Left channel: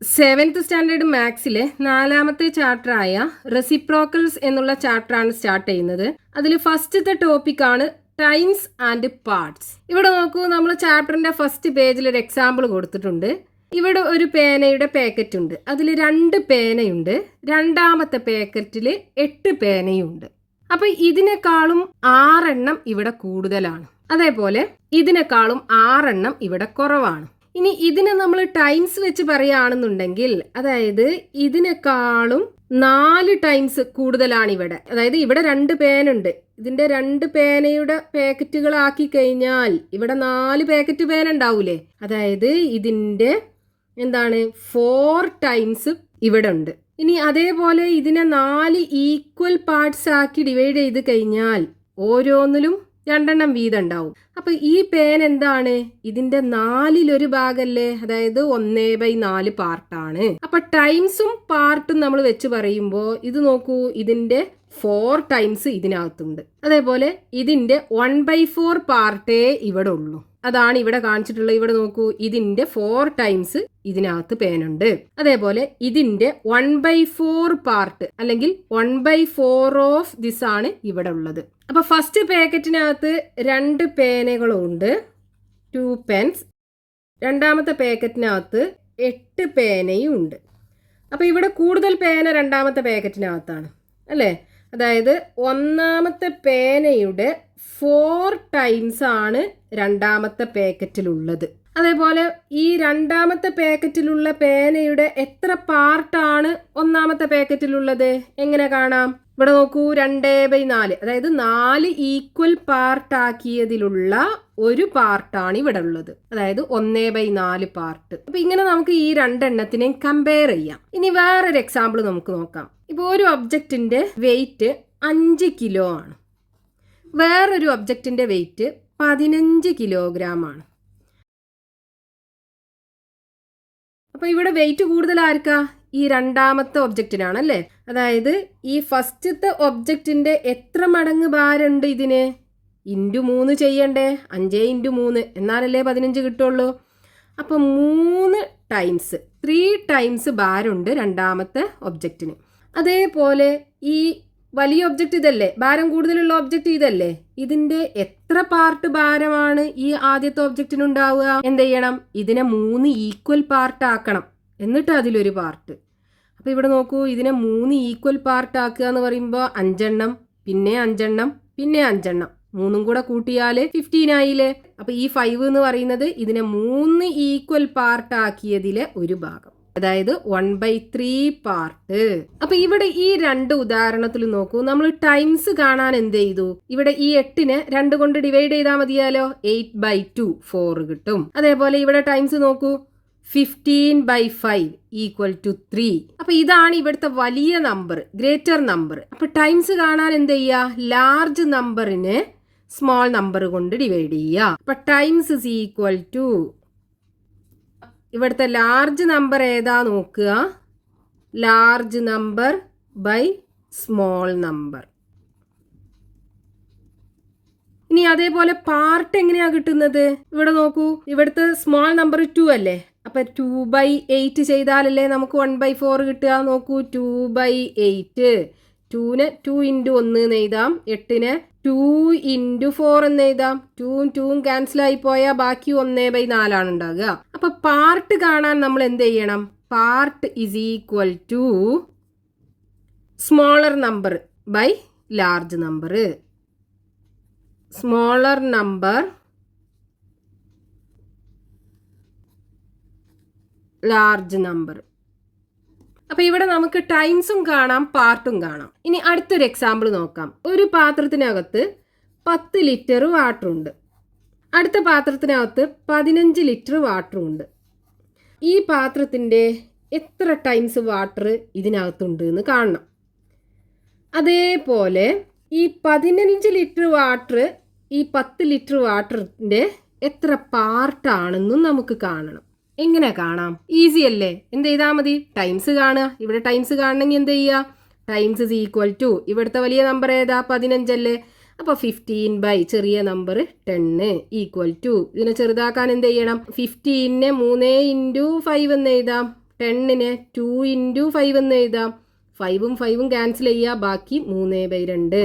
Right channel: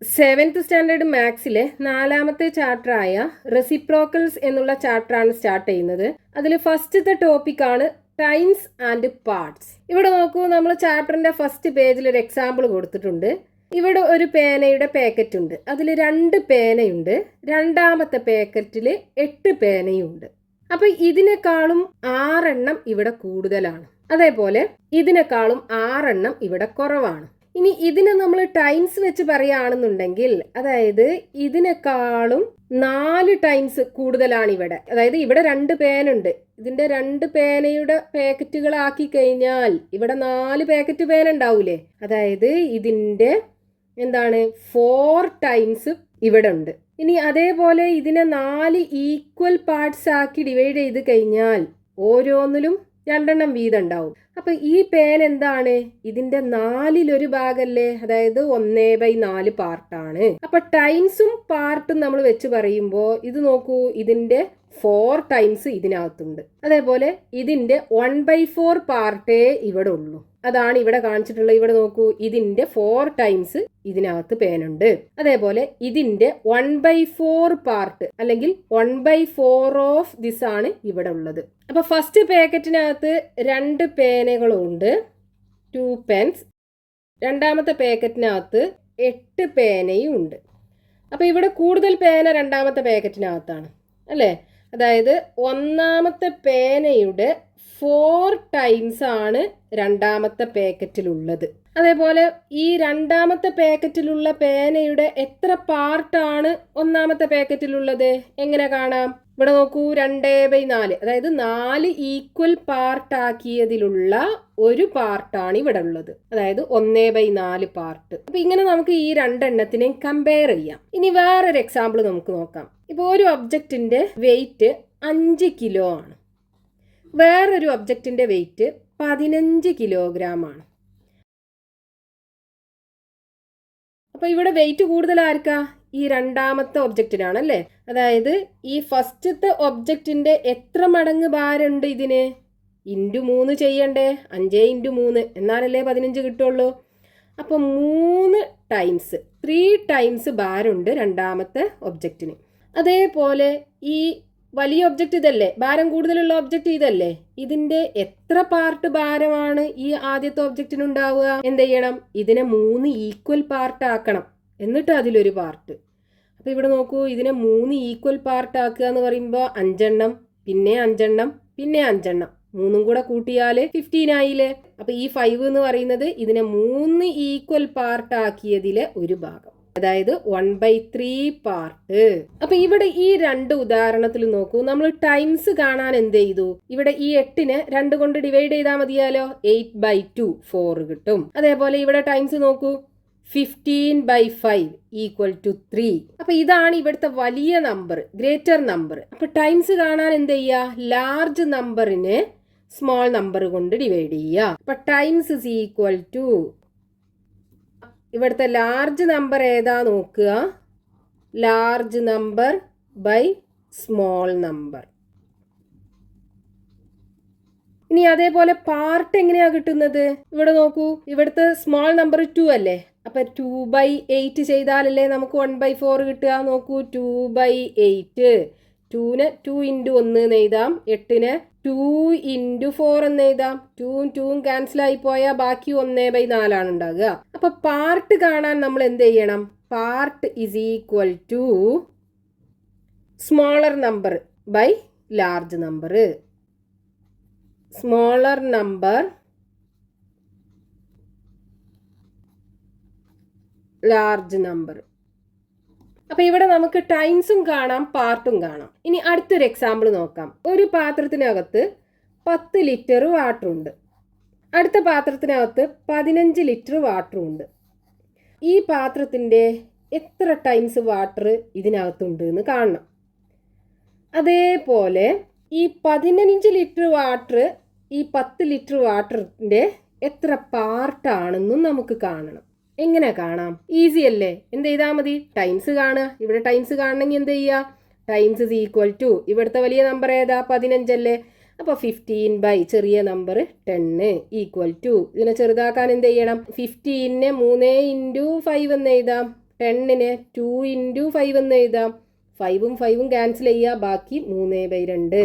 Seventh standard മാത്സിലെ 4ാമത്തെ ചാപ്റ്ററായ reciprocals എന്നുള്ള ചാപ്റ്ററാണ് start ചെയ്യുന്നത്. അതിൽ ഫസ്റ്റത്തെ ടോപ്പിക്കാണ് ടൈംസ് ആൻഡ് പാർട്സ്. ഇവിടെ നോക്കൂ, നമ്മൾ ചാപ്റ്ററിന്റെ ഫസ്റ്റ് പേജിൽ ഒരു എക്സാമ്പിൾ കൊടുത്തിട്ടുണ്ട്. ഇവിടെ ഒരു പേനയുടെ പാക്കറ്റ് ഉണ്ട്. അതിൽ 2 പേനയുണ്ട്. രണ്ടാമത്തെ പാക്കറ്റിൽ 8 പേനയുണ്ട്. അപ്പൊ ഇതിനേക്കാളും 6 എണ്ണം ഇവിടെ കൂടുതലാണ്. അതേപോലെ ഇതിനേക്കാളും 6 എണ്ണം ഇവിടെ കുറവാണ്. ഇനി ഇതിനെ നമ്മൾ ടൈംസ് വെച്ച് പറയുകയാണെന്നുണ്ടെങ്കിൽ, അതായത് ഇതിനേക്കാളും 4 ടൈംസ് കൂടുതലാണ് ഇവിടെ. അതായത് ഇവിടെ 2 പേനുണ്ട്. ഇതിന്റെ 2 പേനയുടെ പാക്കറ്റുകളാക്കി കഴിഞ്ഞാൽ ഇവിടെ 4 പാക്കറ്റ് പേന ഉണ്ടാവൂലേ? അതായത് ഇതിന്റെ 4 ടൈംസ് ഇവിടെ ഉണ്ട്. ഇനി അതേപോലെ ഇതിനെ 4 ഈക്വൽ പാർട്സ് ആക്കി ഡിവൈഡ് ചെയ്ത് കഴിഞ്ഞാൽ ഓരോന്നിലും 2 എണ്ണം വീതം ഉണ്ടാവും. അപ്പൊ ഈ പേൻ എന്താണ്? ഇതിന്റെ 4-1 ഭാഗല്ലേ? അതായത് 1/4 പാർട്ടാണ്. അപ്പൊ ടൈംസും പാർട്ടും നമ്മൾ വെച്ച് പറയുമ്പോൾ ഇത് നോക്കൂ, ഇതിന്റെ 4 ടൈംസ് ഇതിനകത്തുണ്ട്. അതേപോലെ ഇതിന്റെ 1/4 പാർട്ടേ ഇവിടെ ഉള്ളൂ. അതാണ് ഇവിടെ കാണിച്ചിട്ടുള്ളത്. ഇവിടെ നോക്കൂ, ഇതിന്റെ 4 ടൈംസ് ഇതിനകത്ത് പേനുണ്ട്. അതേപോലെ ഇതിന്റെ 1/4 പാർട്ട് അല്ലെങ്കിൽ 1/4 ഓഫ് ദിസ് ആണ് ഇവിടെ ഉള്ളത്. അപ്പൊ ഫസ്റ്റ് പാക്കറ്റിനകത്ത് 2 പേനകളുണ്ട്, 2 പെൻസ്. രണ്ടാമത്തെ പാക്കറ്റിനകത്ത് 8 പേനയും ഉണ്ട്. അപ്പൊ ഇവിടെ കൂടുതൽ പേന രണ്ടാമത്തെ പാക്കറ്റിനകത്താണ് അല്ലേ? അതായത് ഒന്നാമത്തെ പേനയുടെ 4 ടൈംസ് ആണ് രണ്ടാമത്തെ പാക്കറ്റിലുള്ളത്. അതേപോലെ ഈ രണ്ടാമത്തെ പാക്കറ്റിലുള്ള പേനയുടെ എത്ര പാർട്ടാണ് ഒന്നാമത്തെ പാക്കറ്റിലുള്ളത് എങ്ങനെ കാണാം? ഇവിടെ നോക്കൂ, 2/4. അതായത് 4 ഈക്വൽ പാർട്ടാക്കിയതിലുള്ള ഒരു പാർട്ടാണ് ഇവിടെ ഉള്ളത്. അതായത് 1/4 പാർട്ട്. അപ്പൊ ഇങ്ങനെ നമുക്ക് ഈ 2 എണ്ണത്തിനെയും കമ്പയർ ചെയ്യാം. ഇനി വേറൊരു എക്സാമ്പിൾ നമുക്ക് നോക്കാം. ഇപ്പോൾ ഒരു ഒബ്ജക്റ്റിന്റെ വെയിറ്റ് 5 കിലോ ആണ്. വേറൊരു ഒബ്ജക്റ്റിന്റെ വെയിറ്റ് 15 കിലോഗ്രാം ആണ്. അപ്പൊ ഇവിടെ വെയിറ്റ് കൂടുതൽ ആർക്കാ? ഈ രണ്ടാമത്തെ ഒബ്ജക്റ്റിനാണ് അല്ലേ? അതായത് ഈ ഫസ്റ്റത്തെ ഒബ്ജക്റ്റിന്റെ എത്ര മടങ്ങ് ഭാരമുണ്ട് ഇതിന്? × 3 ചെയ്യണ്ടേ? 5 × 3 എന്നാലല്ലേ 15 കിട്ടുള്ളൂ. അപ്പൊ 3 ടൈംസ് 3 ടൈംസ് ഭാരമുണ്ട് രണ്ടാമത്തെ ഒബ്ജക്റ്റിന്. അതേപോലെ ഈ വലിയ ഒബ്ജക്റ്റ് ഇതല്ലേ, ഭാരം കൂടുതലുള്ള ഒബ്ജക്റ്റ് ഇതല്ലേ, ഇതിന്റെ എത്ര പാർട്ട് ഭാരമാണ് ഈ ആദ്യത്തെ ഒബ്ജക്റ്റിന് ഉണ്ടാവുക? എന്ത് ചെയ്യണം? ഇതിനെ 3 ഈക്വൽ പാർട്ട് ആക്കണം, എന്നിട്ട് അതിലൊരു പാർട്ട്. അപ്പൊ ഇവിടെ നോക്കൂ, ഇതിനെ 3 ഈക്വൽ പാർട്ട് ആക്കുക എന്ന് പറയുമ്പോൾ 5 എണ്ണം, പിന്നെ 5 എണ്ണം, പിന്നെ 5 എണ്ണം, 3 കൂടെ കൂട്ടിയാല് 15 ആയില്ലേ? അപ്പൊ ഈ 5 എന്ന് പറയുന്നത് ഇതിനെ 3 ഈക്വൽ പാർട്ട് ആക്കിയതിലെ ഒരു ഭാഗം, അതായത് 1/3 പാർട്ട്. അപ്പൊ ഇവിടെ ഈ 2 ഉദാഹരണത്തിൽ നോക്കൂ, നമ്മൾ ടൈംസ് കാണാൻ എന്ത് ചെയ്തു? ഇവിടെ ഈ 8നെ 2 കൊണ്ട് ഡിവൈഡ് ചെയ്താൽ മതിയാലോ? 8/2 4 കിട്ടും. അതേപോലെ ഇവിടെ ടൈംസ് നോക്കൂ, 15/5 = 3. അപ്പൊ ഇതാണ് ഇവിടുത്തെ വലിയ നമ്പർ, ഗ്രേറ്റർ നമ്പർ. അപ്പൊ ടൈംസ് കാണാൻ എന്ത് ചെയ്യുക? ലാർജ് നമ്പറിനെ സ്മോൾ നമ്പർ കൊണ്ട് ഡിവൈഡ് ചെയ്യുക. അപ്പൊ ടൈംസ് = ഇവിടുത്തെ ലാർജ് നമ്പർ ഏതാ നോക്കുക, large number by small number. ഇനി അതേപോലെ പാർട്ട് എങ്ങനെയാ കിട്ടുന്നത്? ഇവിടെ നോക്കൂ, ഇവിടുത്തെ സ്മോൾ നമ്പർ 2 അല്ലേ? അപ്പൊ 2/8 ചെയ്താലല്ലേ നമുക്ക് 1/4 കിട്ടുക. നോക്കൂ, 2/8. 2നെ 2 × 1 എന്ന് എഴുതാം, 8നെ 2 × 4 എന്ന് എഴുതാം. 2ഉം 2ഉം ക്യാൻസൽ ആയി പോയാൽ ബാക്കി 1/4 ആണ് ഉണ്ടാകുക. അപ്പൊ പാർട്ട് കാണാൻ നമ്മൾ എന്ത് ചെയ്യണം? Part = smaller number by large number. Smaller number large number. അപ്പൊ ഇവിടെ നമുക്ക് ടൈംസും കാണാം, പാർട്ടും കാണാം. ഇനി അടുത്തൊരു എക്സാമ്പിൾ നോക്കാം. ഒരു പാത്രത്തിനകത്ത് 10 ലിറ്റർ വാട്ടർ ഉണ്ട്. അടുത്ത പാത്രത്തിനകത്ത് 15 ലിറ്റർ വാട്ടർ ഉണ്ട്. ഈ പാത്രത്തിന്റെ എത്ര ടൈംസ് വാട്ടർ ഇതിനകത്തുണ്ട് എന്ന് കാണണം. അതേപോലെ ഈ 15 ലിറ്റർ വാട്ടർ ഈ 10 ലിറ്റർ വാട്ടറിന്റെ എത്ര പാർട്ടാണെന്നും നമുക്ക് കാണണം. എങ്ങനെ കാണാം? ഈസി അല്ലേ? എന്ത് ചെയ്താൽ മതി? ടൈംസ് കാണുക. ഇവിടെ ടൈംസ് കാണണമെങ്കിൽ എന്ത് ചെയ്യുക? ടൈംസ് = ഇവിടുത്തെ വലിയ നമ്പർ ഏതാ? 15 അല്ലേ? അപ്പോൾ 15 ചെറിയ നമ്പർ 10 = ഇതിനെ ചെറുതാക്കാൻ എന്ത് ചെയ്യണം? 15നെ 3 × 5 എന്ന് എഴുതാം. 10നെ 2 ഇൻറ്റു 5 എന്ന് എഴുതാം. 5ഉം 5ഉം ക്യാൻസൽ ചെയ്യുക, ബാക്കി 3/2.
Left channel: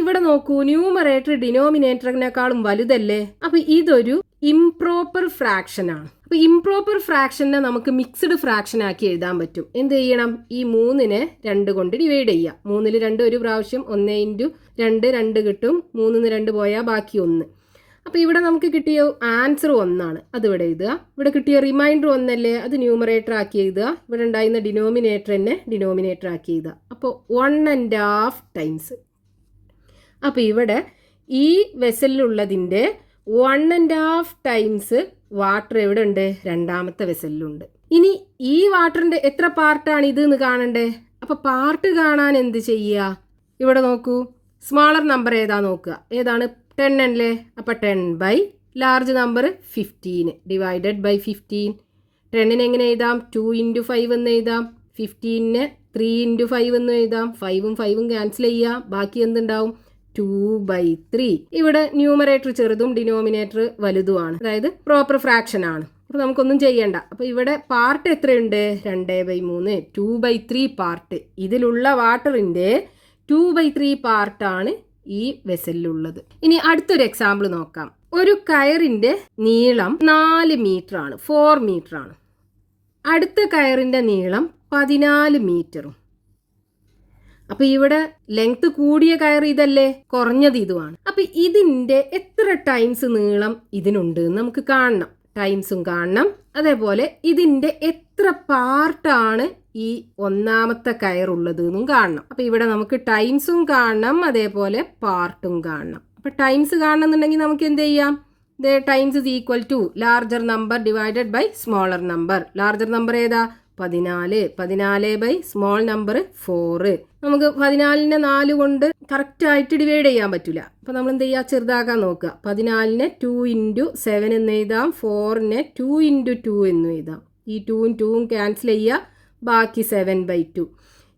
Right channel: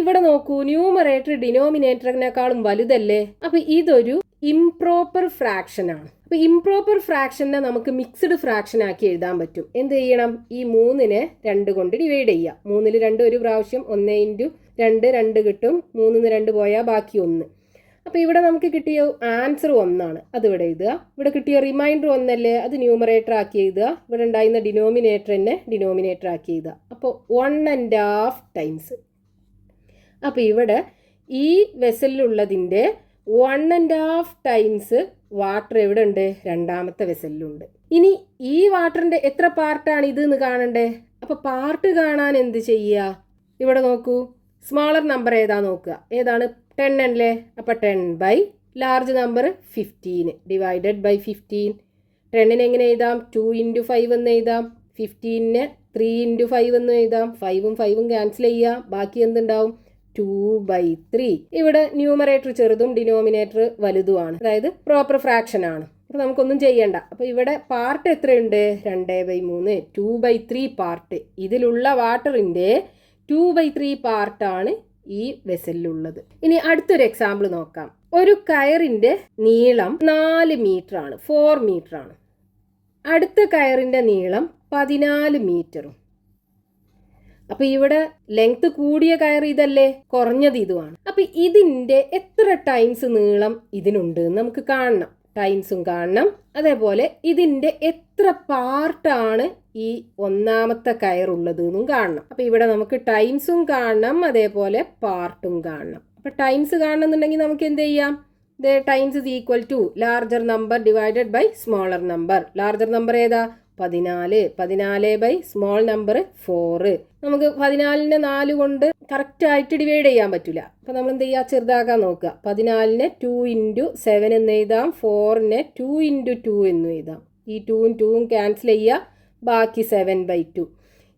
ഇവിടെ നോക്കൂ, ന്യൂമറേറ്റർ ഡിനോമിനേറ്ററിനേക്കാളും വലുതല്ലേ? അപ്പൊ ഇതൊരു ഇംപ്രോപ്പർ ഫ്രാക്ഷൻ ആണ്. അപ്പൊ ഇംപ്രോപ്പർ ഫ്രാക്ഷനെ നമുക്ക് മിക്സ്ഡ് ഫ്രാക്ഷൻ ആക്കി എഴുതാൻ പറ്റും. എന്ത് ചെയ്യണം? ഈ 3നെ 2 കൊണ്ട് ഡിവൈഡ് ചെയ്യുക. 3ൽ 2 ഒരു പ്രാവശ്യം, 1 ഇൻറ്റു 2 2 കിട്ടും. 3ന്ന് 2 പോയാൽ ബാക്കി 1. അപ്പോൾ ഇവിടെ നമുക്ക് കിട്ടിയ ആൻസർ 1 ആണ്. അത് ഇവിടെ എഴുതുക. ഇവിടെ കിട്ടിയ റിമൈൻഡർ 1 അല്ലേ, അത് ന്യൂമറേറ്റർ ആക്കി എഴുതുക. ഇവിടെ ഉണ്ടായിരുന്ന ഡിനോമിനേറ്റർ തന്നെ ഡിനോമിനേറ്റർ ആക്കി എഴുതുക. അപ്പോൾ 1.5 ടൈംസ്. അപ്പോൾ ഇവിടെ ഈ വെസലിലുള്ളതിൻ്റെ 1.5 ടൈംസ് വാട്ടർ എവിടെ ഉണ്ട്? രണ്ടാമത്തെ വെസലിലുണ്ട്. ഇനി ഈ വാട്ടറിൻ്റെ എത്ര പാർട്ടാണ് ഇത് എന്ന് കാണണ്ടേ? അപ്പോൾ പാർട്ട് കാണാൻ എന്ത് ചെയ്യുക? ഇവിടെ നോക്കൂ, സ്മാളർ നമ്പർ ഏതാ നോക്കുക. ഏതാണ്? 10 അല്ലേ? അപ്പോൾ 10 by large number 15 divided by 15. 10നെ എങ്ങനെ എഴുതാം? 2 ഇൻറ്റു 5 എന്ന് എഴുതാം. 15നെ 3 ഇൻറ്റു 5 എന്ന് എഴുതാം. 5ഉം 5ഉം ക്യാൻസൽ ചെയ്യുക, ബാക്കി എന്തുണ്ടാവും? 2/3. ഇവിടെ ന്യൂമറേറ്റർ ചെറുതും ഡിനോമിനേറ്റർ വലുതുമാണ്, അതായത് പ്രോപ്പർ ഫ്രാക്ഷൻ ആണ്. അപ്പോൾ നമുക്കൊന്നും ചെയ്യണ്ട. അപ്പോൾ ഇവിടെ പാർട്ട് എത്രയുണ്ട്? 2/3, 2/3 പാർട്ട്. ഇതിലുള്ള വാട്ടറിൻ്റെ 2/3 പാർട്ടാണ് ഈ വെസലിലുള്ളത്. ഇനി അടുത്തൊരു എക്സാമ്പിൾ നോക്കാം. ഒരു കയറിൻ്റെ നീളം 4 മീറ്റർ ആണ്, 4 മീറ്റർ ആണ്. അടുത്ത കയറിൻ്റെ നീളം 14 മീറ്ററും. അപ്പൊ ഇവിടെ ലെങ്ത് കൂടിയ കയർ ഇതല്ലേ, കുറഞ്ഞത് ഇതുമാണ്. അപ്പൊ ഇതിന്റെ എത്ര ടൈംസ് നീളം ഇതിനുണ്ട് നമുക്ക് കാണണം. ടൈംസും കാണണം, അതേപോലെ ഇതിന്റെ എത്ര പാർട്ടാണ് ഈ ഒന്നാമത്തെ കയറുള്ളത് എന്നും കാണണം. അപ്പൊ ഇവിടെ നമുക്ക് ടൈംസും കാണണം, അതേപോലെ പാർട്ടും കാണണം. അപ്പൊ ടൈംസ് കാണണമെന്നുണ്ടെങ്കിൽ നമുക്ക് എന്ത് ചെയ്യാം? Times is equal to larger number divided by smaller number. Larger number ഏതാ? 14 ബൈ സ്മോൾ നമ്പർ 4. നമുക്ക് 14നെ 4 കൊണ്ട് കറക്റ്റ് ആയിട്ട് ഡിവൈഡ് ചെയ്യാൻ പറ്റില്ല. അപ്പോൾ നമ്മൾ എന്ത് ചെയ്യുക? ചെറുതാക്കാൻ നോക്കുക. 14നെ 2 ഇൻറ്റു 7 എന്ന് എഴുതാം. 4നെ 2 ഇൻറ്റു 2 എന്ന് എഴുതാം. ഈ 2ഉം 2ഉം ക്യാൻസൽ ചെയ്യുക, ബാക്കി 7/2.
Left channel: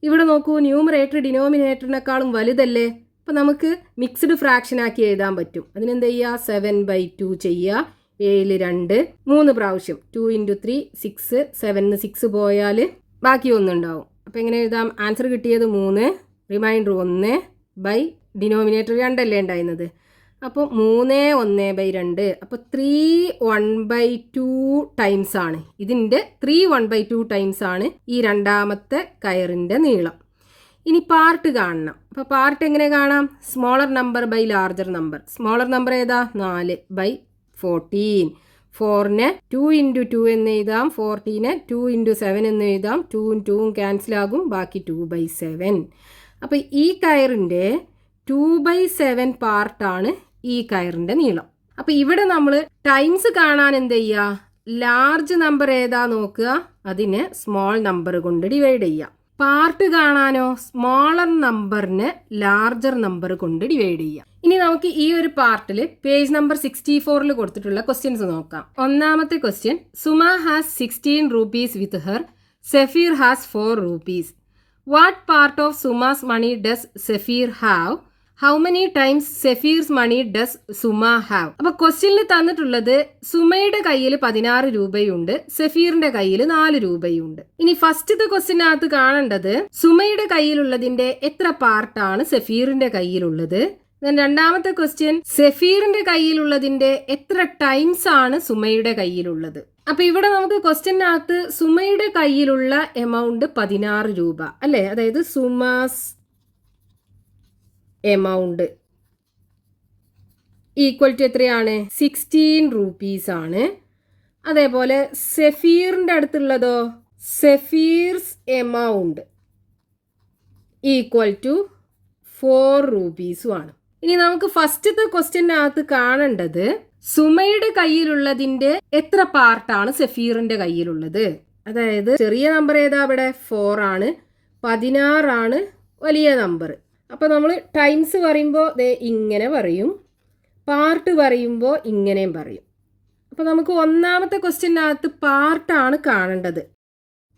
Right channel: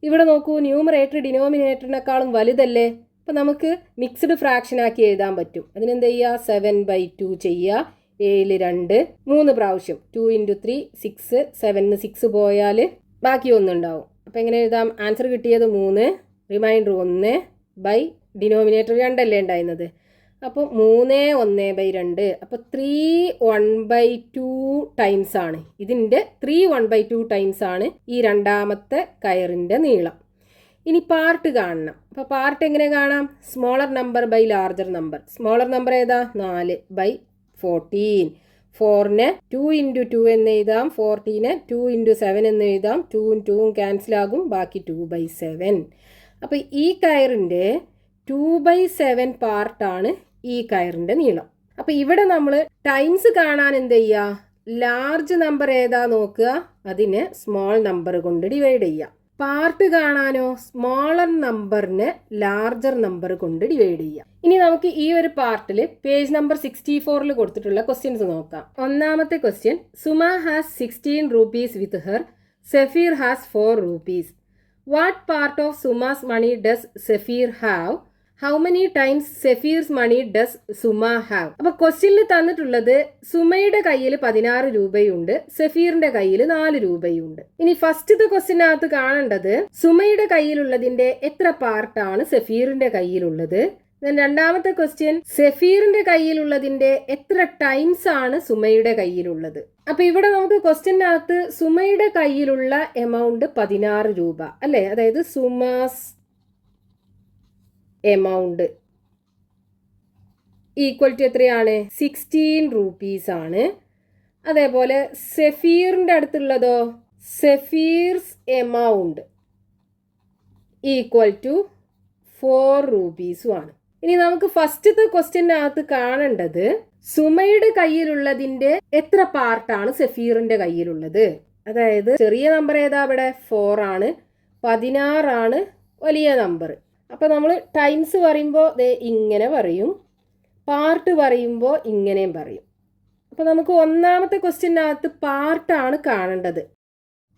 ഇവിടെ നോക്കൂ, ന്യൂമറേറ്റർ ഡിനോമിനേറ്ററിനേക്കാളും വലുതല്ലേ? അപ്പോൾ നമുക്ക് മിക്സ്ഡ് ഫ്രാക്ഷൻ ആക്കി എഴുതാൻ പറ്റും. അതിനെന്ത് ചെയ്യുക? 7/2 ചെയ്യുക. 7 2 3 പ്രാവശ്യം. 2 ഇൻറ്റു 3 6, 7ന് 6 പോയാൽ ബാക്കി 1 ഉണ്ടാവും. അപ്പോൾ എങ്ങനെ എഴുതാം? ആൻസർ കിട്ടിയത് 3, റിമൈൻഡർ 1 ബൈ ഡിനോമിനേറ്റർ 2 അല്ലേ ഉണ്ടായിരുന്നത്. അപ്പോൾ 3 1/2. അപ്പോൾ 3 1/2 ടൈംസ് ആണ് ഇതിൻ്റെ. 3 1/2 ടൈംസ് ആണ് ഈ രണ്ടാമത്തെ കയറിൻ്റെ നീളം. ഇനി പാർട്ട് കാണണം. അപ്പോൾ പാർട്ട് എങ്ങനെ കാണാം? Smaller number by larger number. Smaller number ഏതാ? 4/14. 4നെ 2 ഇൻറ്റു 2 എന്ന് എഴുതാം. 14നെ 2 ഇൻറ്റു 7 എന്ന് എഴുതാം. 2ഉം 2ഉം ക്യാൻസൽ ആകും, ബാക്കി 2/7. അപ്പോൾ ഈ കയറിൻ്റെ 2/7 പാർട്ടാണ് ഈ കയറിൻ്റെ നീളം. അപ്പോൾ ഇവിടെ നമ്മൾ ടൈംസ് കാണാൻ എന്ത് ചെയ്യുക? ലാർജ് നമ്പർ ഏതാ നോക്കുക, അതിനെ സ്മോൾ നമ്പർ കൊണ്ട് ഡിവൈഡ് ചെയ്യുക. പാർട്ട് കാണാനോ സ്മോളർ നമ്പറിനെ ലാർജർ നമ്പർ കൊണ്ട് ഡിവൈഡ് ചെയ്യുക. ഇനി നമുക്ക് ഈ ഒരു പാർട്ടിൽ പേജ് നമ്പർ 64 കൊടുത്തിട്ടുള്ള ക്വസ്റ്റ്യൻസ് നോക്കാം. ഒന്നാമത്തെ question, Suma has 16 rupees with her, Safeer has 4 rupees. What part of Suma's money does Safeer have? How many times Safeer's money does Suma have? അപ്പൊ ക്വസ്റ്റ്യനിൽ തന്നിട്ടുള്ളത് സുമയുടെ കയ്യിൽ 16 രൂപയുണ്ട്, സെഫീറിന്റെ കയ്യിൽ 4 രൂപയുണ്ട്. ഇനി ഫസ്റ്റത്തെ ക്വസ്റ്റ്യനകത്ത് കാണേണ്ടത് സുമയുടെ കയ്യിലുള്ളതിന്റെ എത്ര പാർട്ടാണ് സെഫീറിന്റെ കയ്യിലുള്ളത്. രണ്ടാമത്തെ ക്വസ്റ്റ്യൻ, സെഫീറിന്റെ കയ്യിലുള്ളതിന്റെ എത്ര ടൈംസ് ആണ് സുമയുടെ കയ്യിലുള്ളത്. അപ്പൊ ഇവിടെ നമുക്ക് ക്വസ്റ്റ്യനകത്ത് സുമയുടെ കയ്യിലുള്ള എമൗണ്ട് 16 രൂപ അല്ലേ, അതായത് സുമാസ് എമൗണ്ട് ഈക്വൽ ടു എത്രയാണ്? 16 rupees ആണ്. അതേപോലെ സെഫീറിന്റെ അടുത്തുള്ളതോ, സെഫീർസ് എമൗണ്ട് ഈക്വൽ ടു 4 rupees ആണ്. ഇനി നമുക്ക് ഫസ്റ്റത്തെ ക്വസ്റ്റ്യനകത്ത് കാണേണ്ടത് സുമയുടെ കയ്യിലുള്ളതിന്റെ എത്ര പാർട്ടാണ് സെഫീറിന്റെ കയ്യിലുള്ളത്. അതായത് ചെറിയ നമ്പർ ഏതാ? ഇവിടെ 4 ആണ്, 16 ആണ് വലിയ നമ്പർ. അപ്പോൾ നമ്മൾ ടൈംസ് പറയുമ്പോൾ ഇങ്ങനെ പറയും, പാർട്ട് പറയുമ്പോൾ ഇങ്ങനെയും പറയും. അപ്പോൾ നമുക്ക് ഒന്നാമത്തെ ക്വസ്റ്റ്യനകത്ത് പാർട്ടാണ് കാണേണ്ടത്.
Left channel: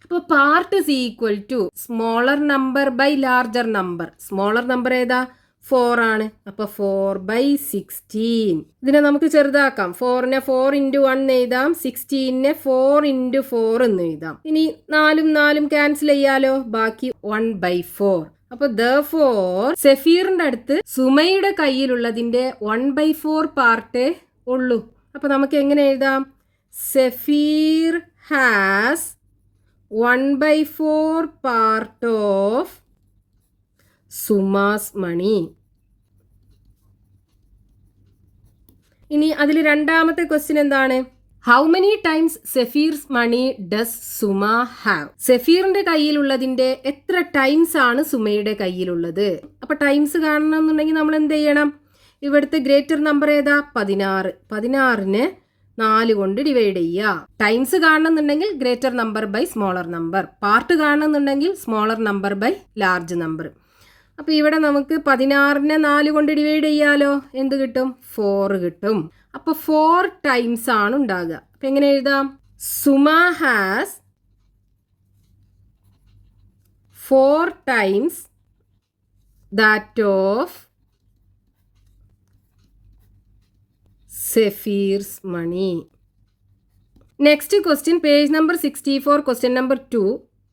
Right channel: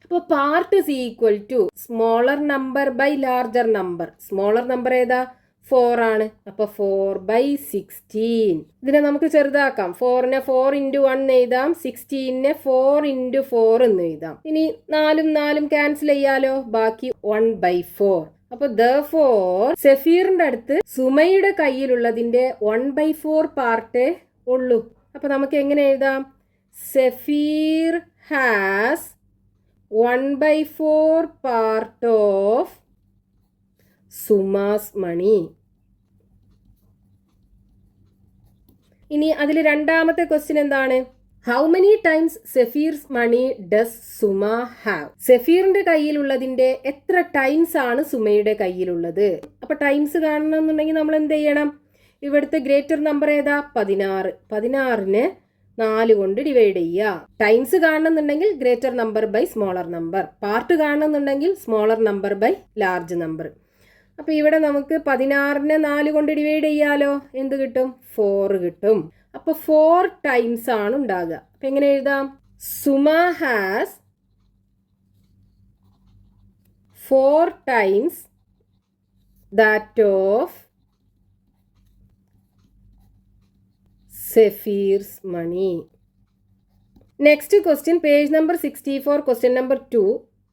അപ്പോൾ part is equal to smaller number by larger number. Smaller number ഏതാ? 4 ആണ്. അപ്പോൾ 4/16. ഇതിനെ നമുക്ക് ചെറുതാക്കാം. 4നെ 4 × 1 എഴുതാം. 16നെ 4 × 4 എന്ന് എഴുതാം. ഇനി 4ഉം 4ഉം ക്യാൻസൽ ചെയ്യാലോ. ബാക്കി 1/4. അപ്പോൾ therefore സെഫീറിന്റെ അടുത്ത് സുമയുടെ കയ്യിലുള്ളതിന്റെ 1/4 പാർട്ടേ ഉള്ളൂ. അപ്പോൾ നമുക്ക് എങ്ങനെ എഴുതാം? Safeer has 1/4 part of Suma's money. ഇനി അതിൽ രണ്ടാമത്തെ ക്വസ്റ്റ്യൻ എന്താണ്? How many times Safeer's money does Suma have? സെഫീറിന്റെ കയ്യിലുള്ളതിന്റെ എത്ര ടൈംസ് ആണ് സുമയുടെ കയ്യിലുള്ളത്? അപ്പൊ ടൈംസ് കാണണമെന്നുണ്ടെങ്കിൽ നമ്മൾ എന്ത് ചെയ്യണം? ഇവിടുത്തെ ഗ്രേറ്റർ നമ്പർ ഏതാ? 16. 16നെ 4 കൊണ്ട് ഡിവൈഡ് ചെയ്യുക. ടൈംസ് കാണണമെന്നുണ്ടെങ്കിൽ greater number by smaller number, part കാണണമെന്നുണ്ടെങ്കിൽ smaller number by large number. അപ്പോൾ ഇവിടെ നമുക്ക് 16നെ 4 കൊണ്ട് ഡിവൈഡ് ചെയ്യാലോ. എന്ത് കിട്ടും? 4 കിട്ടും. അപ്പോൾ 4 ടൈംസ് ആണ് ഉണ്ടാകുക. അപ്പം എങ്ങനെ എഴുതാം? Suma has 4 times that of Safeer's money. Next question, page number 64, question number 2.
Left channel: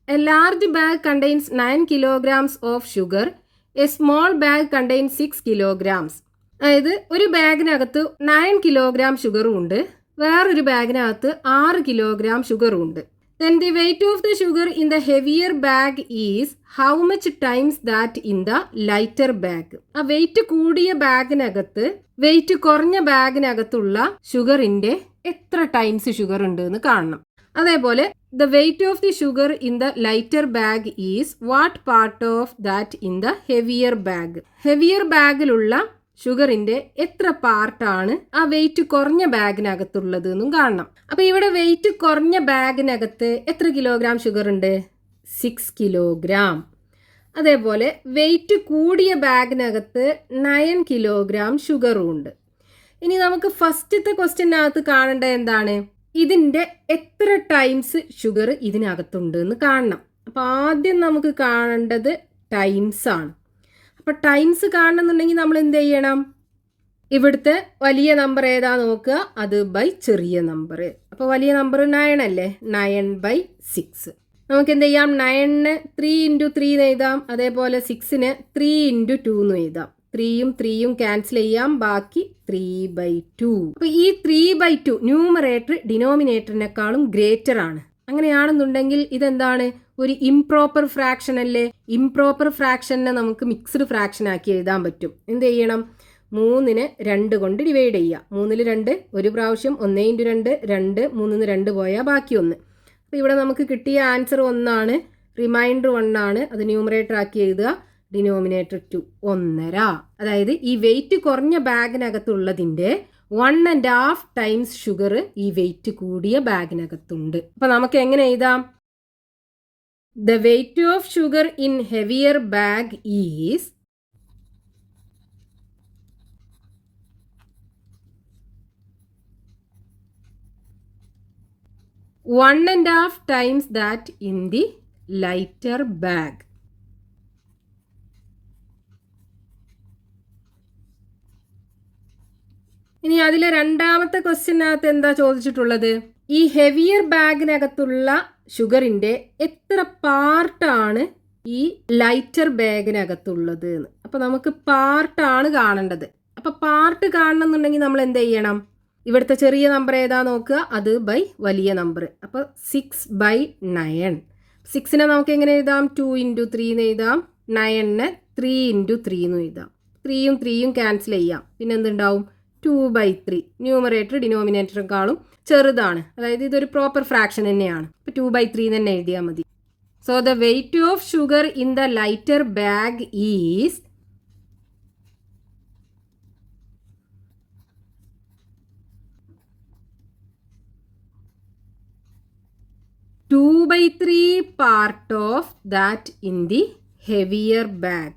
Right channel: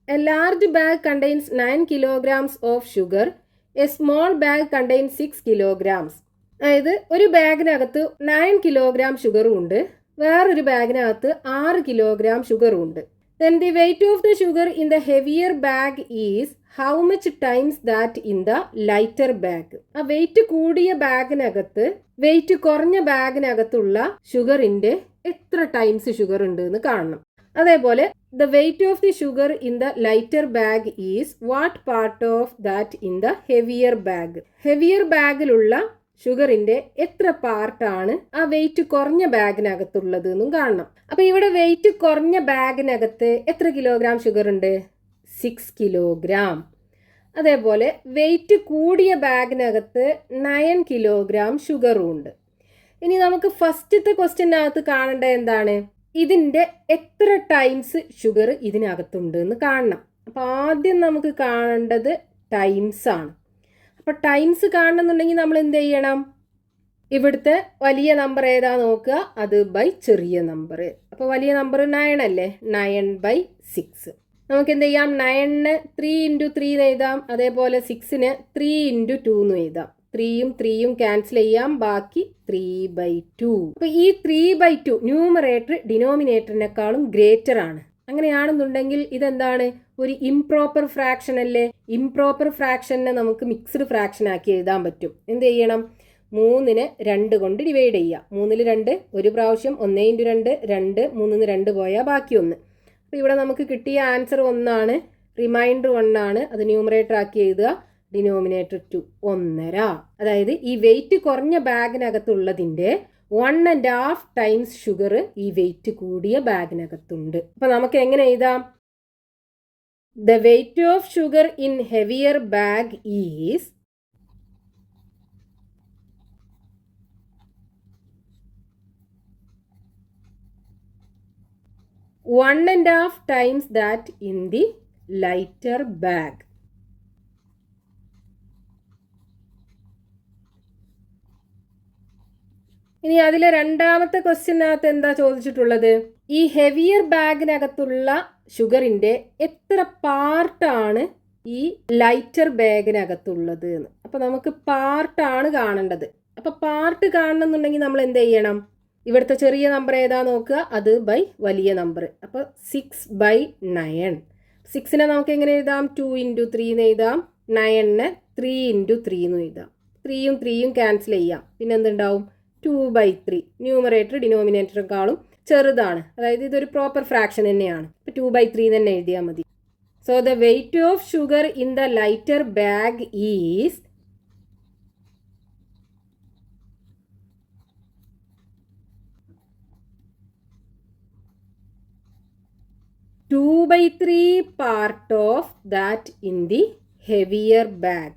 A large bag contains 9 kilograms of sugar. A small bag contains 6 kilograms. അതായത് ഒരു ബാഗിനകത്ത് 9 kilogram ഷുഗറും ഉണ്ട്, വേറൊരു ബാഗിനകത്ത് 6 kilogram ഷുഗറും ഉണ്ട്. Then the weight of the sugar in the heavier bag is how much times that in the lighter bag? ആ wait കൂടിയ ബാഗിനകത്ത് wait കുറഞ്ഞ ബാഗിനകത്തുള്ള ഷുഗറിന്റെ എത്ര ടൈംസ് ഷുഗർ ഉണ്ട് എന്ന് കാണണം. അതേപോലെ the weight of the sugar in the lighter bag is what part of that in the heavier bag? Heavier ബാഗിലുള്ള ഷുഗറിന്റെ എത്ര പാർട്ടാണ് ആ വെയിറ്റ് കുറഞ്ഞ ബാഗിനകത്തുള്ളത് എന്നും കാണണം. അപ്പൊ ഇവിടെ വെയിറ്റ് കുറഞ്ഞ ബാഗിനകത്ത് എത്ര കിലോഗ്രാം ഷുഗർ ഉണ്ട്? 6 kilogram. അതേപോലെ വെയിറ്റ് കൂടിയ ബാഗിനകത്ത് 9 kilogram ഷുഗറും ഉണ്ട്. ഇനി നമുക്ക് ഫസ്റ്റത്തെ ക്വസ്റ്റ്യനകത്ത് കാണേണ്ടത് എന്താണ്? ഇതിന്റെ എത്ര ടൈംസ് ഷുഗർ ഇതിനകത്തുണ്ട് എന്ന് കാണണം. അപ്പൊ ആദ്യം നമുക്ക് കാണേണ്ടത് ടൈംസ് ആണ്. അപ്പോൾ ടൈംസ് കാണണമെന്നുണ്ടെങ്കിൽ നമ്മൾ എന്ത് ചെയ്യണം? ഇവിടുത്തെ വലിയ നമ്പർ ഏതാ നോക്കുക, അത് ബൈ ചെറിയ നമ്പർ. അപ്പോൾ വലിയ നമ്പർ 9 അല്ലേ? 9/6. നമുക്ക് എന്ത് ചെയ്യാം? 9നെ 3 × 3 എന്ന് എഴുതാം. അതേപോലെ 6നെ 3 × 2 എന്ന് എഴുതാം. 3യും 3യും ക്യാൻസൽ ചെയ്യാം. ബാക്കി 3/2. അപ്പോൾ ഈ 3/2 ന്യൂമറേറ്റർ ഡിനോമിനേറ്ററിനേക്കാളും ഗ്രേറ്റർ ആണ്. അങ്ങനെയാണെന്നുണ്ടെങ്കിൽ ഇതെന്താണ്? ഒരു ഇംപ്രോപ്പർ ഫ്രാക്ഷൻ അല്ലേ? ഇംപ്രോപ്പർ ഫ്രാക്ഷനെ നമുക്ക് മിക്സ്ഡ് ഫ്രാക്ഷൻ ആക്കി എഴുതാൻ പറ്റും. എന്ത് ചെയ്യണം? 3നെ 2 കൊണ്ട് ഡിവൈഡ് ചെയ്യുക. 3ൽ 2 ഒരു പ്രാവശ്യം, 1 × 2 2, 3ന്ന് 2 പോയാൽ ബാക്കി 1. അപ്പോൾ ഇവിടെ നമുക്ക് കിട്ടിയ ആൻസർ 1 ആണ്, റിമൈൻഡർ 1 ആണ്. അത് ന്യൂമറേറ്റർ ആക്കി എഴുതുക. ഡിനോമിനേറ്റർ 2 1.5. അതായത് ഈ വെയിറ്റ് കുറഞ്ഞ ബാഗിനകത്തുള്ളതിൻ്റെ 1.5 ടൈംസ് ഷുഗർ ഈ വെയിറ്റ് കൂടിയ ബാഗിനകത്തുണ്ട്. അപ്പോൾ നമുക്ക് എങ്ങനെ എഴുതാം? The weight of sugar in heavier bag is one and a half times that in the lighter bag. ഇനി അതിലെ രണ്ടാമത്തെ ക്വസ്റ്റ്യനകത്ത് എന്താ ചോദിച്ചിട്ടുള്ളത്? ഈ ഹെവിയർ ബാഗിനകത്തുള്ള ഷുഗറിന്റെ എത്ര പാർട്ടാണ് ഈ ലൈറ്റർ ബാഗിനകത്തുള്ളത് എന്ന്. അപ്പോൾ നമുക്ക് പാർട്ടാണ് കാണേണ്ടത്. അപ്പോൾ പാർട്ട് കാണണമെന്നുണ്ടെങ്കിൽ നമ്മൾ എന്ത് ചെയ്യണം? ഇവിടുത്തെ ചെറിയ നമ്പർ ഏതാ നോക്കുക, അത് ബൈ വലിയ നമ്പർ. അപ്പോൾ 6/9. 6നെ നമുക്ക് എങ്ങനെ എഴുതാം? 2 × 3 എന്ന് എഴുതാം. 9നെ 3 × 3 എന്ന് എഴുതാം. 3യും 3യും ക്യാൻസൽ ചെയ്യാം. പിന്നെ എന്തുണ്ടാവും? 2/3. ന്യൂമറേറ്റർ ഡിനോമിനേറ്ററിനേക്കാളും ചെറുതാണ്. അതായത് ഇതൊരു പ്രോപ്പർ ഫ്രാക്ഷൻ തന്നെയാണ്. അപ്പോൾ 2/3 തന്നെ എഴുതിയാൽ മതി. So the weight of sugar in the lighter bag is 2/3 part of that in the heavier bag.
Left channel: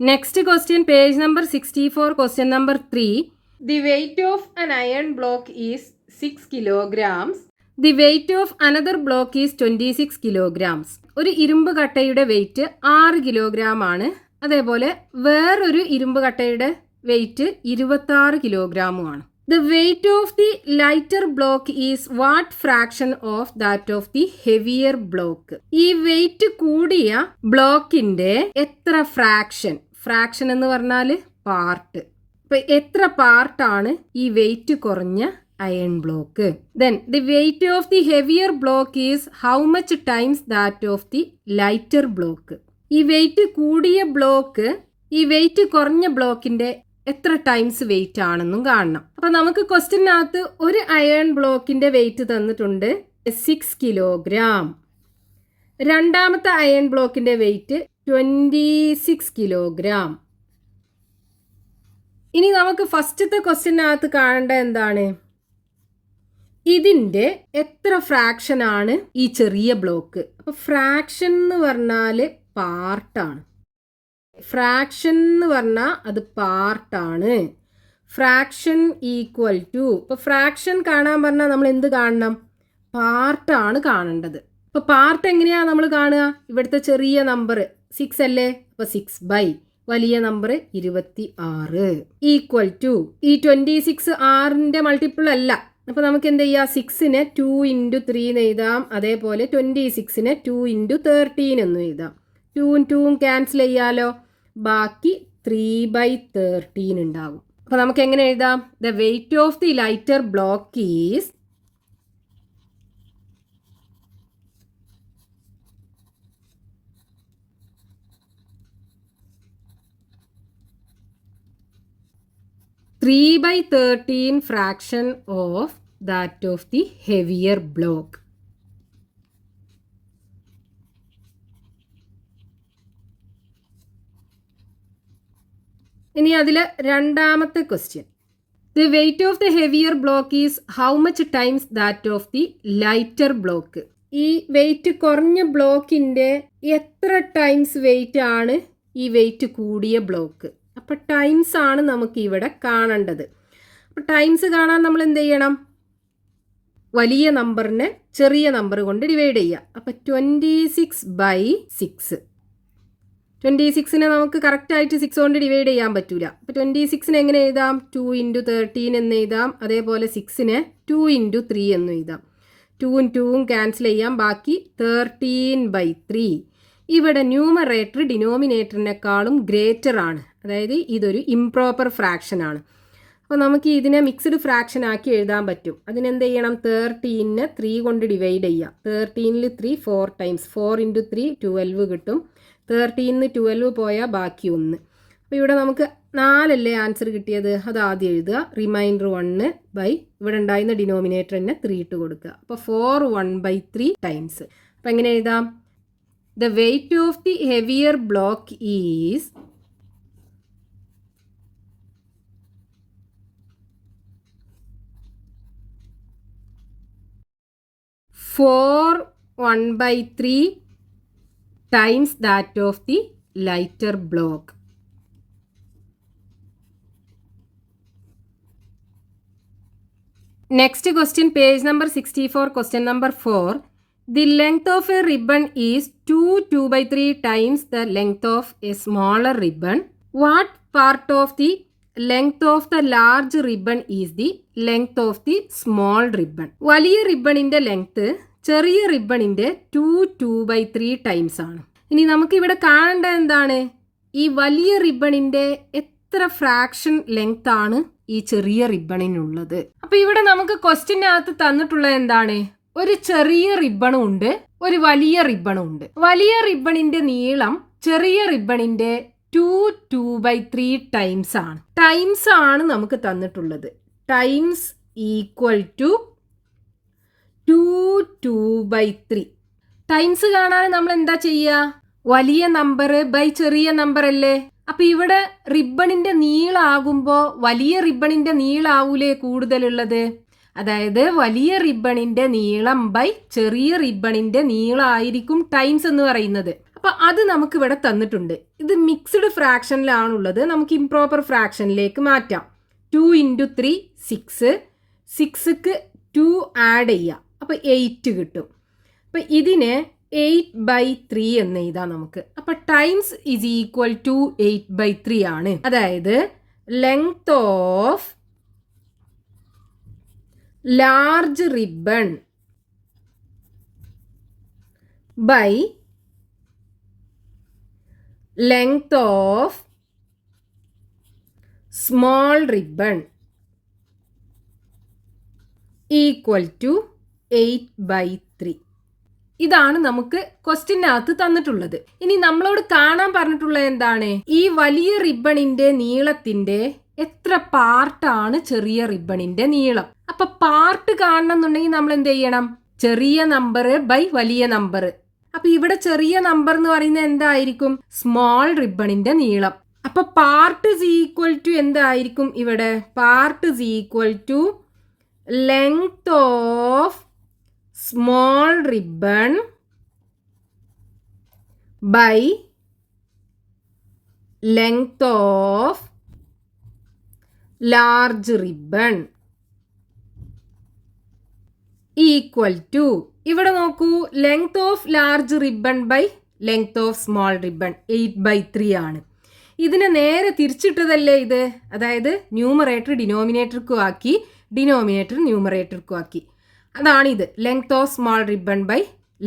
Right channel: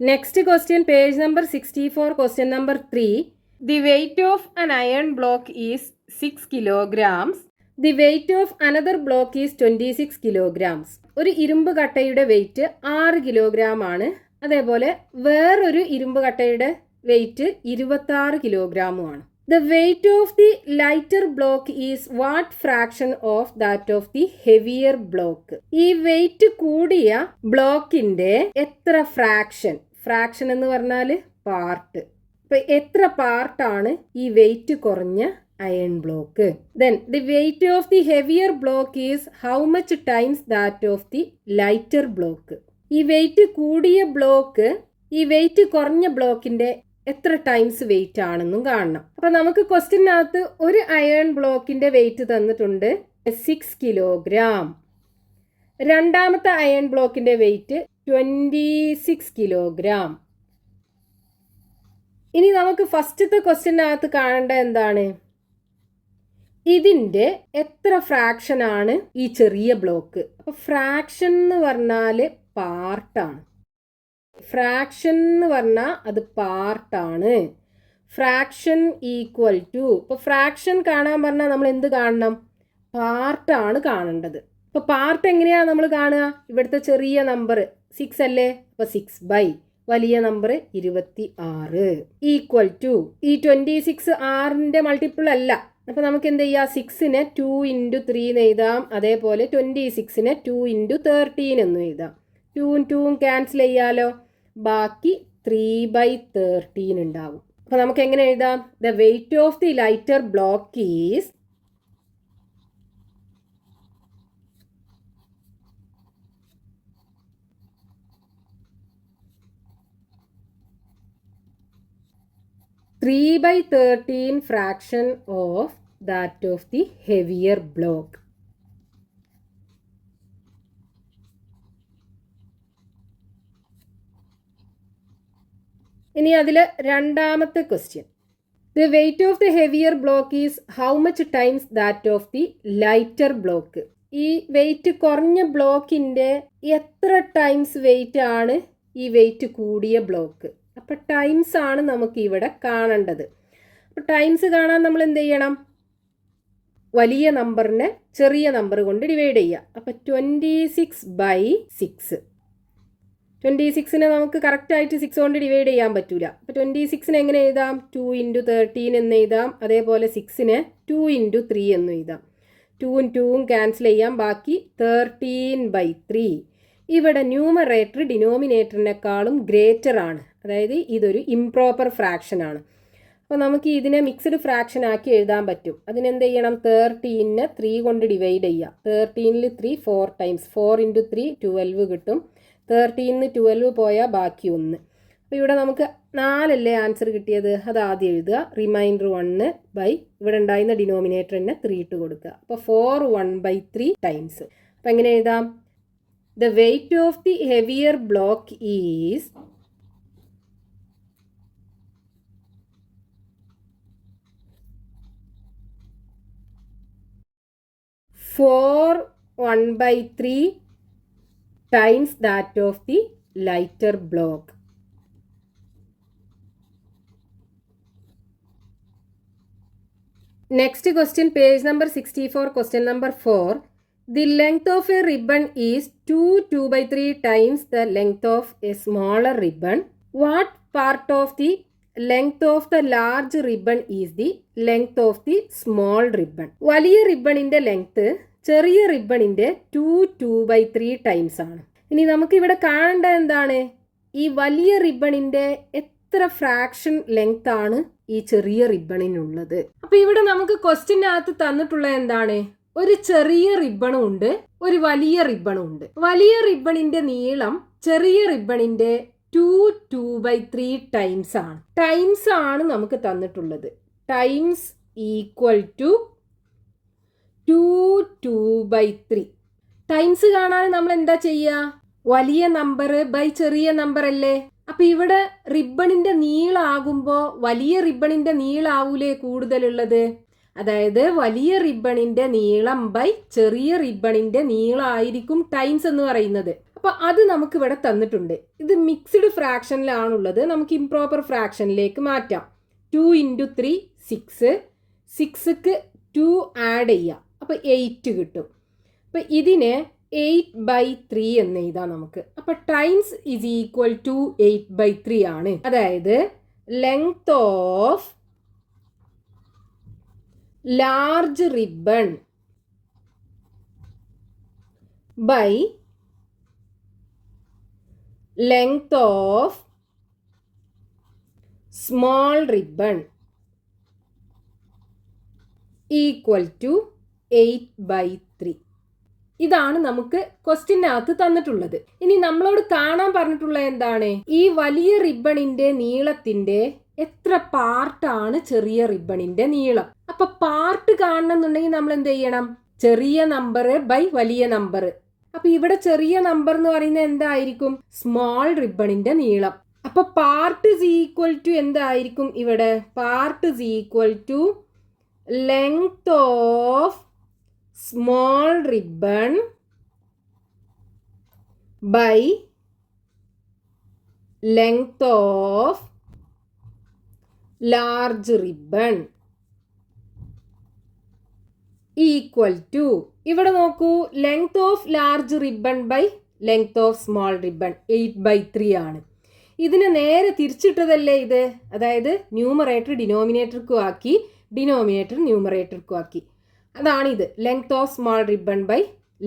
Next question, page number 64, question number 3. The weight of an iron block is 6 kilograms. The weight of another block is 26 kilograms. ഒരു ഇരുമ്പ് കട്ടയുടെ wait 6 kilogram ആണ്. അതേപോലെ വേറൊരു ഇരുമ്പ് കട്ടയുടെ wait 26 കിലോഗ്രാമുമാണ്. The weight of the lighter block is what fraction of that of the heavier block? ഈ wait കൂടിയ ബ്ലോക്കിന്റെ എത്ര ഫ്രാക്ഷൻ എന്ന് പറഞ്ഞാൽ പാർട്ട്. അപ്പൊ എത്ര പാർട്ടാണ് ഈ വെയിറ്റ് കുറഞ്ഞ iron block? Then the weight of the heavier block is how much times that of the lighter block? ഈ വെയിറ്റ് കൂടിയ ബ്ലോക്ക് ഈ വെയിറ്റ് കുറഞ്ഞ ബ്ലോക്കിന്റെ എത്ര ടൈംസ് വെയിറ്റ് ആണെന്നും കാണണം. അപ്പൊ നമുക്ക് ക്വസ്റ്റ്യനകത്ത് ഒരു അയൺ ബ്ലോക്കിന്റെ വെയിറ്റ് തന്നിട്ടുണ്ട് 6 കിലോഗ്രാം. രണ്ടാമത്തെ അയൺ ബ്ലോക്കിന്റെ വെയിറ്റ് 26 കിലോഗ്രാം. ഇനി നമുക്ക് ഫസ്റ്റത്തെ ക്വസ്റ്റ്യനകത്ത് കാണേണ്ട എന്താണ്? ഇതിന്റെ എത്ര ഫ്രാക്ഷൻ ആണ് ഈ ചെറിയ ബ്ലോക്ക്? അപ്പൊ ഫ്രാക്ഷൻ എന്ന് പറഞ്ഞാൽ പാർട്ടാണ്. ഫ്രാക്ഷൻ എന്ന് പറഞ്ഞാൽ അത് പാർട്ടാണ്. ഫ്രാക്ഷൻ ഈക്വൽ ടു, ഇപ്പോൾ ഫ്രാക്ഷൻ കാണാൻ പറഞ്ഞാൽ നമ്മൾ എന്ത് കാണണം? പാർട്ടാണ് കാണേണ്ടത്. ഇപ്പോൾ പാർട്ട് എങ്ങനെയാണ് നമ്മൾ കാണുക? ഇവിടുത്തെ ചെറിയ നമ്പർ 6 അല്ലേ? അപ്പോൾ 6/, വലിയ നമ്പർ 26 ഈക്വൽ ടു ഈ 26 6ന്റെ മൾട്ടിപ്പിൾ അല്ല. അപ്പോൾ നമുക്ക് എന്ത് ചെയ്യാം? 6നെ 2 × 3 എന്ന് എഴുതാം. അതേപോലെ 26നെ 2 × 13 എന്നും എഴുതാം. 2ഉം 2ഉം ക്യാൻസൽ ചെയ്യാലോ, ബാക്കി 3/13 ഉണ്ടാവും. അപ്പോൾ നമുക്ക് എങ്ങനെ എഴുതാം? The weight of the lighter block is 3/13 fraction of that of the heavier block. ഇനി അതിൽ രണ്ടാമത്തെ question, the weight of the heavier block is how much times that of the lighter block? ഈ വെയിറ്റ് കുറഞ്ഞ ബ്ലോക്കിൻ്റെ എത്ര times wait ആണ് ഈ wait കൂടിയ block? അപ്പോൾ ടൈംസ് ആണ് നമുക്ക് ഇവിടെ കാണേണ്ടത്. അപ്പോൾ ടൈംസ് കാണാൻ നമ്മൾ എന്ത് ചെയ്യണം? വലിയ നമ്പറിനെ ചെറിയ നമ്പർ കൊണ്ട് ഡിവൈഡ് ചെയ്യുക. അപ്പോൾ 26/6. 26നെ നമുക്ക് കറക്റ്റായിട്ട് 6 കൊണ്ട് ഡിവൈഡ് ചെയ്യാൻ പറ്റില്ല. അപ്പോൾ 26നെ എങ്ങനെ എഴുതാം? 2 × 13 എന്ന് എഴുതാം. അതേപോലെ 6നെ 2 × 3 എന്ന് എഴുതാം. 2ഉം 2ഉം ക്യാൻസൽ ചെയ്യാം, ബാക്കി 13/3. ഇവിടെ ന്യൂമറേറ്റർ ഡിനോമിനേറ്ററിനേക്കാളും ഗ്രേറ്റർ ആണ്, അതായത് ഇതൊരു ഇംപ്രോപ്പർ ഫ്രാക്ഷൻ ആണ്. അപ്പോൾ നമുക്ക് ഇതിനെ മിക്സ്ഡ് ഫ്രാക്ഷൻ ആക്കി എഴുതാൻ പറ്റും. അതിനെന്ത് ചെയ്യണം? 13നെ 3 കൊണ്ട് ഡിവൈഡ് ചെയ്യുക. 13ൽ 3 4 ടൈംസ്, 4 × 3 12 കിട്ടും. 13ന് 12 പോയാൽ ബാക്കി 1. അപ്പോൾ ഇവിടെ നമുക്ക് 4 അല്ലേ ആൻസർ കിട്ടിയത്, അത് ആദ്യം എഴുതുക. റിമൈൻഡർ 1/, ഇവിടെ ഉണ്ടായിരുന്ന ഡിനോമിനേറ്ററിനെ 3 ഇട്ട് കൊടുക്കുക. അപ്പോൾ 4 1/3 ടൈംസ്. അപ്പോൾ എങ്ങനെ എഴുതാം? The weight of the heavier block is 4 1/3 times that of the lighter block. Next question, page number 64, question number 4. The length of a ribbon is 2/3 times the length of a smaller ribbon. What part of the length of the large ribbon is the length of the small ribbon? വലിയ റിബണിൻ്റെ length ചെറിയ റിബണിൻ്റെ 2/3 times ആണ്. ഇനി നമുക്കിവിടെ കാണേണ്ടത് എന്താണ്? ഈ വലിയ റിബണിൻ്റെ എത്ര ഫ്രാക്ഷൻ ലെങ്ത് ആണ് ഈ ചെറിയ റിബണിനുള്ളത്? അപ്പോൾ ഇവിടെ നമുക്ക് ക്വസ്റ്റ്യനകത്ത് തന്നിട്ടുള്ളത് എന്താണ്? ഒരു ചെറിയ റിബണും ഉണ്ട്, ഒരു വലിയ റിബണും ഉണ്ട്. വലിയ റിബണിന്റെ നീളം ചെറിയ റിബണിന്റെ 2/3 ടൈംസ് ആണ്. ടൈംസ് ആണ് നമുക്ക് തന്നിട്ടുള്ളത്. Times equal to 2/3. ടൈംസ് കാണാൻ നമ്മൾ എന്താ ചെയ്യുക? വലിയ നമ്പർ ബൈ ചെറിയ നമ്പർ അല്ലേ? അപ്പൊ ഇവിടെ റിബണിന്റെ നീളാകുമ്പോൾ വലിയ റിബണിന്റെ നീളാവൂലേ കൂടുതലുള്ളത്? അതായത് വലിയ റിബണിന്റെ നീളം ബൈ ചെറിയ റിബണിന്റെ നീളമായിരിക്കും ടൈംസ് എന്ന് പറയുന്നത്. അപ്പൊ അത് നമുക്ക് ഇവിടെ തന്നിട്ടുണ്ട്. ഇത് മിക്സ്ഡ് ഫ്രാക്ഷനിലാണുള്ളത്. നമുക്ക് ഇംപ്രോപ്പർ ഫ്രാക്ഷനിലേക്ക് മാറ്റാം. 2 × 3 6, 6ക്ക് 2 ആഡ് ചെയ്യാം. അപ്പോൾ 8 കിട്ടും. അപ്പോൾ ഇതിനെ 8/3 എന്ന് എഴുതാം നമുക്ക്. അപ്പോൾ ടൈംസ് ഈസ് ഈക്വൽ ടു 8/3 ആണ്. അതായത് length of large ribbon by length of small ribbon equal to 8/3. ഇതാണ് നമുക്ക് ക്വസ്റ്റ്യനകത്ത് തന്നിട്ടുള്ളത്. ഇനി നമ്മളോട് കാണാൻ പറഞ്ഞിട്ടുള്ളത് എന്താണ്? ഈ വലിയ റിബണിന്റെ നീളത്തിന്റെ എത്ര പാർട്ടാണ് ചെറിയ റിബണിന്റെ നീളം. അപ്പൊ പാർട്ട് കാണണമെന്നുണ്ടെങ്കിൽ നമ്മൾ എന്ത് ചെയ്യണം? ചെറിയ നമ്പർ ബൈ വലിയ നമ്പർ. അപ്പൊ ഇവിടെ ചെറിയ നമ്പർ എന്ന് പറയുന്നത് എന്തായിരിക്കും? സ്മോൾ റിബണിന്റെ നീളം. അപ്പൊ പാർട്ട് ഇസ് ഈക്വൽ ടു എന്തായിരിക്കും? ഇവിടെ part is equal to length of small ribbon by length of large ribbon equal to, ഇവിടെ നോക്കൂ, length of large ribbon by length of small ribbon 8/3 ആണ്. ഇതിനെ നേരെ തിരിച്ചിട്ടതല്ലേ ഇത്? അതായത് ന്യൂമറേറ്റർ ഡിനോമിനേറ്റർക്കും ആക്കി, ഡിനോമിനേറ്റർ ന്യൂമറേറ്റർക്കും ആക്കി. അതാണിത്, length of small ribbon by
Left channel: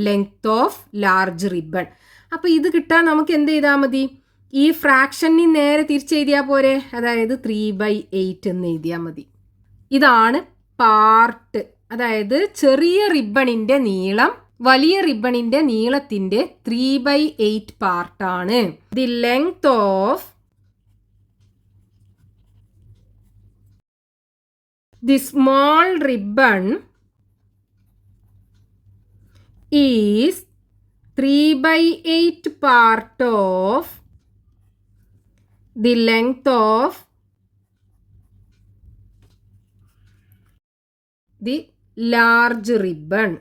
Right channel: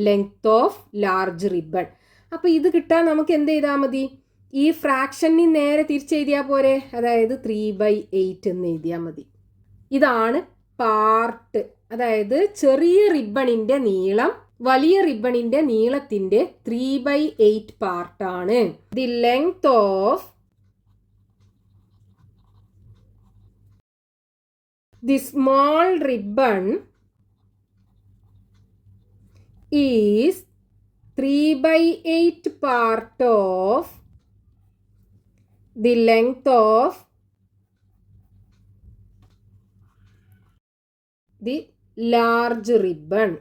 length of large ribbon. അപ്പോൾ ഇത് കിട്ടാൻ നമുക്ക് എന്ത് ചെയ്താൽ മതി? ഈ ഫ്രാക്ഷനെ നേരെ തിരിച്ചെഴുതിയാൽ പോരെ? അതായത് 3/8 എന്ന് എഴുതിയാൽ മതി. ഇതാണ് പാർട്ട്. അതായത് ചെറിയ റിബണിന്റെ നീളം വലിയ റിബണിന്റെ നീളത്തിന്റെ 3/8 പാർട്ടാണ്. The length of the small ribbon is 3/8 part of the length of the large ribbon.